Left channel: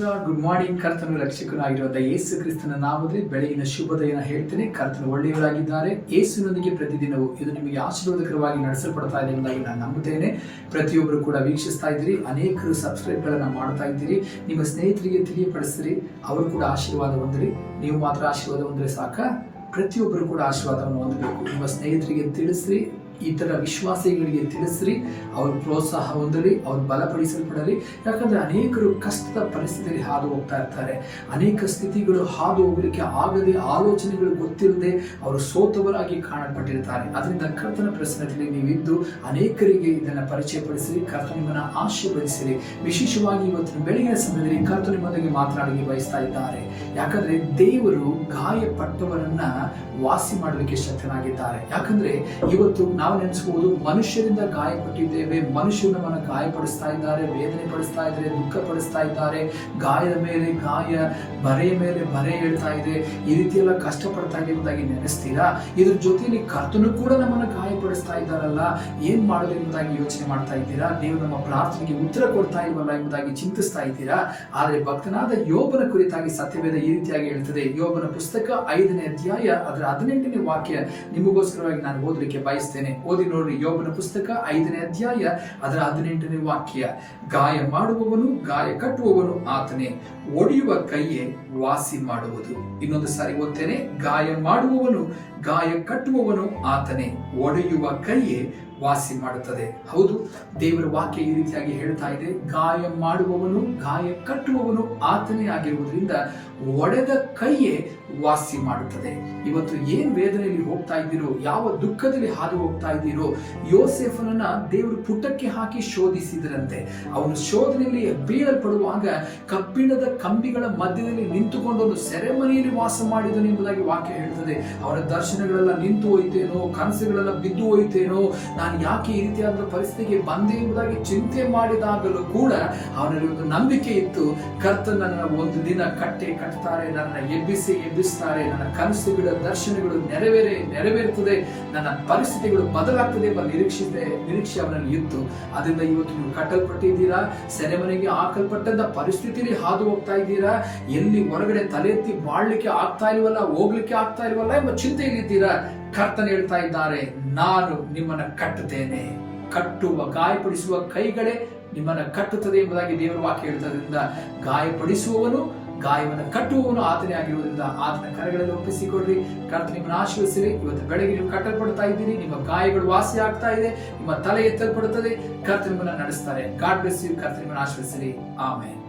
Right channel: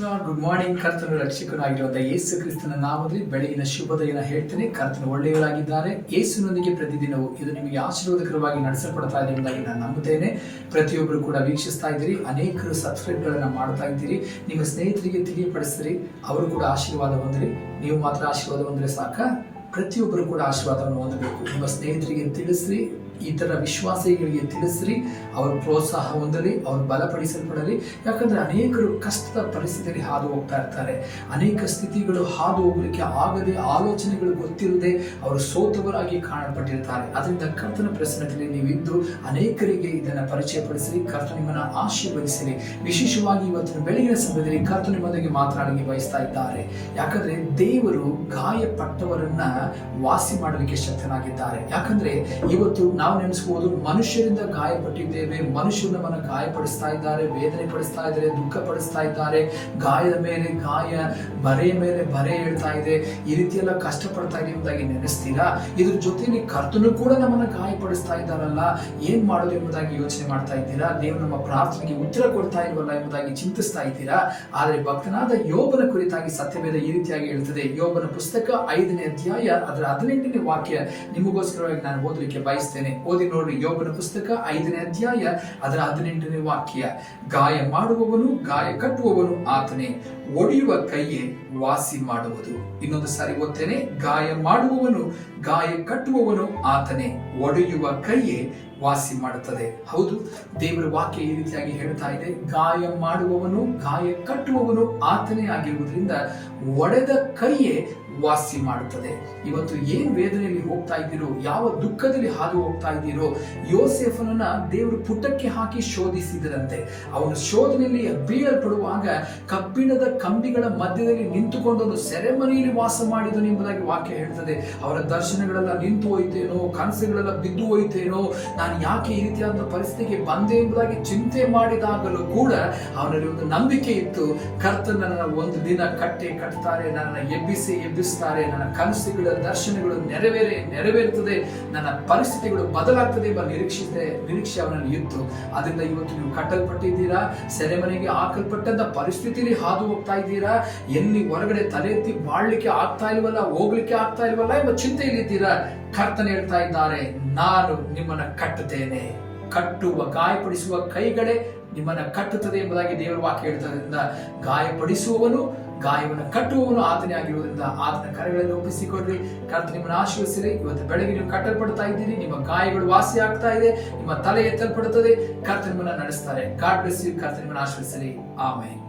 Good morning ಕರ್ತನು ರಕ್ಷಕನಾಗಿರುವಂತಹ ಯೇಸು ಕ್ರಿಸ್ತನ ನಾಮದಲ್ಲಿ ಬೆಳಗಿನ ಶುಭೋದಯನ ಹೇಳ್ತೇನೆ. ಕರ್ತನ ಒಳ್ಳೆಯವರಾಗಿದ್ದಾರೆ. ಯೇಸುನೊಂದಿಗೆ ಪ್ರತಿದಿನವೂ ಇದು ನಿಮಗೆ ಆಶೀರ್ವಾದಕರವಾಗಿ ನಡೆಸಲ್ಪಡ್ತಾ ಇದೆ ಎಂಬುದಾಗಿ ನಾನು ನಂಬುತ್ತೇನೆ. ಪ್ರತಿಯೊಬ್ಬರು ಕೂಡ ವೀಕ್ಷಿಸ್ತಾ ಇದ್ದೀರಿ. ಅನೇಕರು ಸಬ್ಸ್ಕ್ರೈಬ್ಗಳನ್ನು ಮಾಡ್ತಾ ಇದ್ದೀರಿ. ನಿಮ್ಮ ಸ್ನೇಹಿತರಿಗೆ ತಿಳಿಯಪಡಿಸ್ರಿ. ಅವರು ಕೂಡ ಆಶೀರ್ವಾದ ಹೊಂದಿರಿ. ನೀವು ಮಾತ್ರ ಆಶೀರ್ವಾದ ಹೊಂದ್ರೆ ಸಾಕ. ಪ್ರತಿಯೊಬ್ಬರು ಕೂಡ ಆಶೀರ್ವಾದವನ್ನು ಹೊಂದಬೇಕು. ನಿಮ್ಮ ಸ್ನೇಹಿತರಿಗೆ ತಿಳಿಸ್ರಿ. ಇತರ ವಿಶ್ವಾಸಿಗಳಿಗೆ ತಿಳಿಸ್ರಿ, ಅವರು ಪ್ರೋತ್ಸಾಹ ಹೊಂದಲಿ, ಅವರು ಬಲಪಡಿಸಲ್ಪಡಲಿ. ಯಾಕಂದ್ರೆ ಅನೇಕರು ಕಷ್ಟದ ಪರಿಸ್ಥಿತಿಯಲ್ಲಿ ಹಾದು ಹೋಗ್ತಾ ಇರ್ತಾರೆ. ಅನೇಕ ಸ್ಥಿತಿಗಳು ಹಾದು ಹೋಗಲಿಕ್ಕೆ ಆಗದೆ ಆಲೋಚನೆಗಳು ಗೊತ್ತಿಲ್ಲದೆ ಅವರು ಸೋತವರಾಗಿ ಕಾಣಲ್ಪಟ್ಟಿರ್ತಾರೆ. ಅದರಿಂದ ಕರ್ತನ ಪ್ರಸನ್ನತೆಯಲ್ಲಿ ನೀವಿದ್ದು ಅನೇಕರಿಗೆ ಇದನ್ನು ಪರಿಚಯಪಡಿಸಿ ಕರ್ತ ನಿಮ್ಮನ್ನ ಆಶೀರ್ವದಿಸಿರಿ. ವಿಶೇಷವಾಗಿ ಇವತ್ತು ಬೆಳಗಿನ ಸಮಯದಲ್ಲಿ ಕರ್ತ ನಿಮ್ಮೊಂದಿಗೆ ಮಾತನಾಡಲಿಕ್ಕೆ ಬಯಸ್ತಾ ಇದ್ದಾರೆ. ಯಾಕಂದ್ರೆ ದೇವರು ಗಾಯಪಟ್ಟವರನ್ನ ವಾಸಿ ಮಾಡಲಿಕ್ಕೆ ಶಕ್ತನಾಗಿದ್ದಾರೆ. ಯಾಕಂದ್ರೆ ಇವತ್ತು ನಾವು ನೆನೆಸ್ಬೋದು. ಮನುಷ್ಯರಿಂದ ಗಾಯಪಟ್ಟಿದ್ದೇವೆ. ಮನುಷ್ಯರು ನಮ್ಮನ್ನು ಗಾಯಪಡಿಸ್ತಾ ಇದ್ದಾರೆ, ವೇದನೆ ಪಡಿಸ್ತಾ ಇದ್ದಾರೆ, ದುಃಖ ಪಡಿಸ್ತಾ ಇದ್ದಾರೆ. ಗಾಯದ ಮೇಲೆ ಗಾಯ, ಬರೆಯ ಮೇಲೆ ಬರೆ ಹೇಳ್ತಾ ಇದೆ. ಈ ರೀತಿ ಎಲ್ಲ ಕಷ್ಟಪಡ್ತಾ ಇದೆ ಎಂಬುದಾಗಿ ನೆನೆಸ್ತೀರಾ? ಇದ್ರ ಜೊತೆಯಲ್ಲಿ ಕರ್ತನು ಕೂಡ ನಮ್ಮನ್ನು ಗಾಯಪಡಿಸ್ತಾ ಇದ್ದಾರಲ್ಲ, ಏನ್ ಮಾಡೋದು ಎಂಬುದಾಗಿ ಯೋಚನೆ ಮಾಡ್ತಾ ಇದ್ದೀರಾ? ದೇವರು ನಮ್ಮ ಪ್ರಾರ್ಥನೆಗೆ ಉತ್ತರ ಕೊಡ್ತಾ ಇಲ್ವಲ್ಲ ಎಂಬುದಾಗಿ ಚಿಂತಿಸ್ತಾ ಇದ್ದೀರಾ? ಆದ್ರೆ ಭಕ್ತನಾದ ಯೋಬನ ಕುರಿತಾಗಿ ಸತ್ಯವೇದ ಈ ರೀತಿಯಾಗಿ ಹೇಳ್ತದೆ. ಯೋಬನ ಪುಸ್ತಕ ಐದನೇ ಅಧ್ಯಾಯ, ಅದರ ಹದಿನೆಂಟನೇ ವಾಕ್ಯ. ನಿಮಗೋಸ್ಕರವಾಗಿ ನಾನು ಓದಲಿಕ್ಕೆ ಬಯಸ್ತೇನೆ. ಓದಿ ನೋಡ್ರಿ, ಯೋಬನ ಪುಸ್ತಕ ಐದನೇ ಅಧ್ಯಾಯ, ಅದರ ಹದಿನೆಂಟನೇ ವಾಕ್ಯ. ಗಾಯ ಮಾಡುವವನು, ಗಾಯ ಕಟ್ಟುವವನು ಆತನೇ. ಒಡೆಯುವ ಕೈಯೇ ವಾಸಿ ಮಾಡುವುದು. ಇನ್ನೊಂದು ಸಾರಿ ಓದ್ತೇನೆ, ಗಾಯ ಮಾಡುವವನು, ಗಾಯ ಕಟ್ಟುವವನು ಆತನೇ. ಒಡೆಯುವ ಕೈಯೇ ವಾಸಿ ಮಾಡುತ್ತದೆ. ಹೌದು, ದೇವರ ವಾಕ್ಯ ಈ ರೀತಿಯಾಗಿ ಹೇಳ್ತಾ ಇದೆ. ಗಾಯ ಮಾಡುವವನು, ಗಾಯ ಕಟ್ಟುವವನು ಆತನೇ ಆಗಿರುವುದರಿಂದ ಒಡೆದ ಕೈಯೇ ವಾಸಿ ಮಾಡುತ್ತದೆ. ಇವತ್ತು ಏನ್ ವೇದನೆಯಲ್ಲಿ ಹೋಗ್ತಾ ಇದ್ದೀರೋ, ಯಾವ ದುಃಖದಲ್ಲಿ ಹಾದು ಹೋಗ್ತಾ ಇದ್ದೀರೋ, ಯೋಸೆಫನನ್ನ ದೇವರು ಪುಟಕ್ಕೆ ಹಾಕಿ ಶೋಧಿಸಿದರಂತೆ. ಅವನು ಶೋಧನೆಯಲ್ಲಿ ಬೀಳಲ್ಪಡುವಾಗ ಕಬ್ಬಿಣದ ಕಂಬಿಗಳ ಮಧ್ಯದಲ್ಲಿ ನಿಂತುಕೊಂಡು ಸೆರೆಮನೆಯಲ್ಲಿ ವಾಸ ಮಾಡಿದನು ಎಂಬುದಾಗಿ ವಾಕ್ಯ ಹೇಳ್ತದೆ ಅವರ ದರ್ಶನಗಳೆಲ್ಲ ನಿಂತು ಹೋಯ್ತೇನೋ, ಕನಸುಗಳೆಲ್ಲ ಬಿದ್ದು ಹೋಯ್ತೇನೋ, ನಾನು ಯಾಕೆ ಈ ರೀತಿಯಾದ ಪರಿಸ್ಥಿತಿಗೆ ಬಂದೆ ಎಂಬುದಾಗಿ ಚಿಂತೆ ಮಾಡಿದಾಗಲೂ ಕೂಡ ಅವನಲ್ಲಿ ಒಂದು ನಂಬಿಕೆ ಇತ್ತು. ಕರ್ತನ ನನ್ನ ಒಂದು ದಿನ ಕಟ್ಟೆ ಕಟ್ತಾರೆ ನನ್ನ ಎಬ್ಬಿಸಿ ಎಬ್ಬಿಸ್ತಾರೆ, ನನ್ನ ಕನಸುಗಳ ದರ್ಶನಗಳು ನೆರವೇರೆ, ನೆರವೇರುತ್ತದೆ, ನನ್ನ ಪರಿಸ್ಥಿತಿಗಳು ಬದಲಾಗ್ತದೆ ಎಂಬ ನಿರೀಕ್ಷೆ ನಿರೀಕ್ಷೆ ಅವನಲ್ಲಿ ಇತ್ತು. ಅದರಿಂದ ಇವತ್ತು ನೀವು ಕಟ್ಟಲ್ಪಟ್ಟಿದ್ದೀರಾ? ಸೆರೆಮನೆಗೆ ಹಾಕಲ್ಪಟ್ಟಂತ ಪರಿಸ್ಥಿತಿಯಲ್ಲಿ ಹಾದು ಹೋಗ್ತಾ ಇದ್ದೀರಾ? ಎಲ್ಲಿ ಹೊರಗಡೆ ತಲೆ ಎತ್ತಿ ಬಾಳ್ಲಿಕ್ಕೆ ಆಗ್ತಾ ಇಲ್ವಲ್ಲ, ಹೋಗ್ಲಿಕ್ಕೆ ಆಗ್ತಾ ಇಲ್ವಲ್ಲ ಎಂಬ ಚಿಂತೆಯಲ್ಲಿದ್ದೀರಾ ಕರ್ತನ ಹೇಳ್ತಾ ಇದ್ದಾರೆ, ನಾನು ನಿಮ್ಮನ್ನ ಕಟ್ಟುತ್ತೇನೆ. ಕಟ್ಟುವ, ಗಾಯಪಡಿಸುವ ಕೈಗಳೇ ನಿಮ್ಮನ್ನ ಕಟ್ಟುತ್ತದೆ ಎಂಬುದಾಗಿ ದೇವರ ವಾಕ್ಯ ಹೇಳ್ತದ್ರಿಂದ ಗಾಯಪಡಿಸುವವನು, ಗಾಯವನ್ನು ಕಟ್ಟುವವನು ಆತನೇ ಆಗಿರುವುದರಿಂದ ಆತನ ಕರೆಗಳನ್ನು ಒಪ್ಪಿಸಿಕೊಡ್ರಿ ಕರ್ತ ನಿಮ್ಮನ್ನು ಆಶೀರ್ವಿಸಿರಿ ಇವತ್ತು ಬೆಳಗ್ಗೆ ನೀವು ಕಟ್ಟಲ್ಪಡ್ತಾ ಇದ್ದೀರಿ. ನಿಮ್ಮ ಗಾಯಗಳು ವಾಸಿ ಆಗ್ತಾ ಇದೆ. ನಿಮ್ಮ ತಲೆ ಎತ್ತಲ್ಪಡುತ್ತದೆ. ಕರ್ತ ನಿಮ್ಮನ್ನು ನಡೆಸ್ತಾರೆ. ಗಾಡ್ ಬ್ಲೆಸ್ ಯು ಕರ್ತ ನಿಮ್ಮನ್ನು ಆಶೀರ್ವಿಸಿರಿ ಆಮೇಲೆ